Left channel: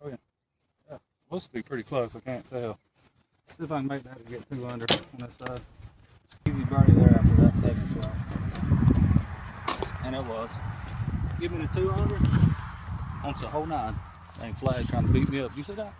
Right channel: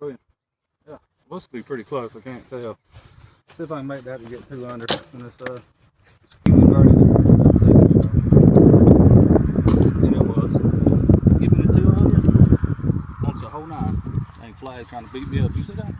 Oh, yeah. Yeah. Supposed to be pretty close. I can't tell. See if I can make that to get 2 under on this side. Easy party there after that second shot. And it was. Give me the 200. Wants a whole 9. Dang flag trying to beat me up. You see that?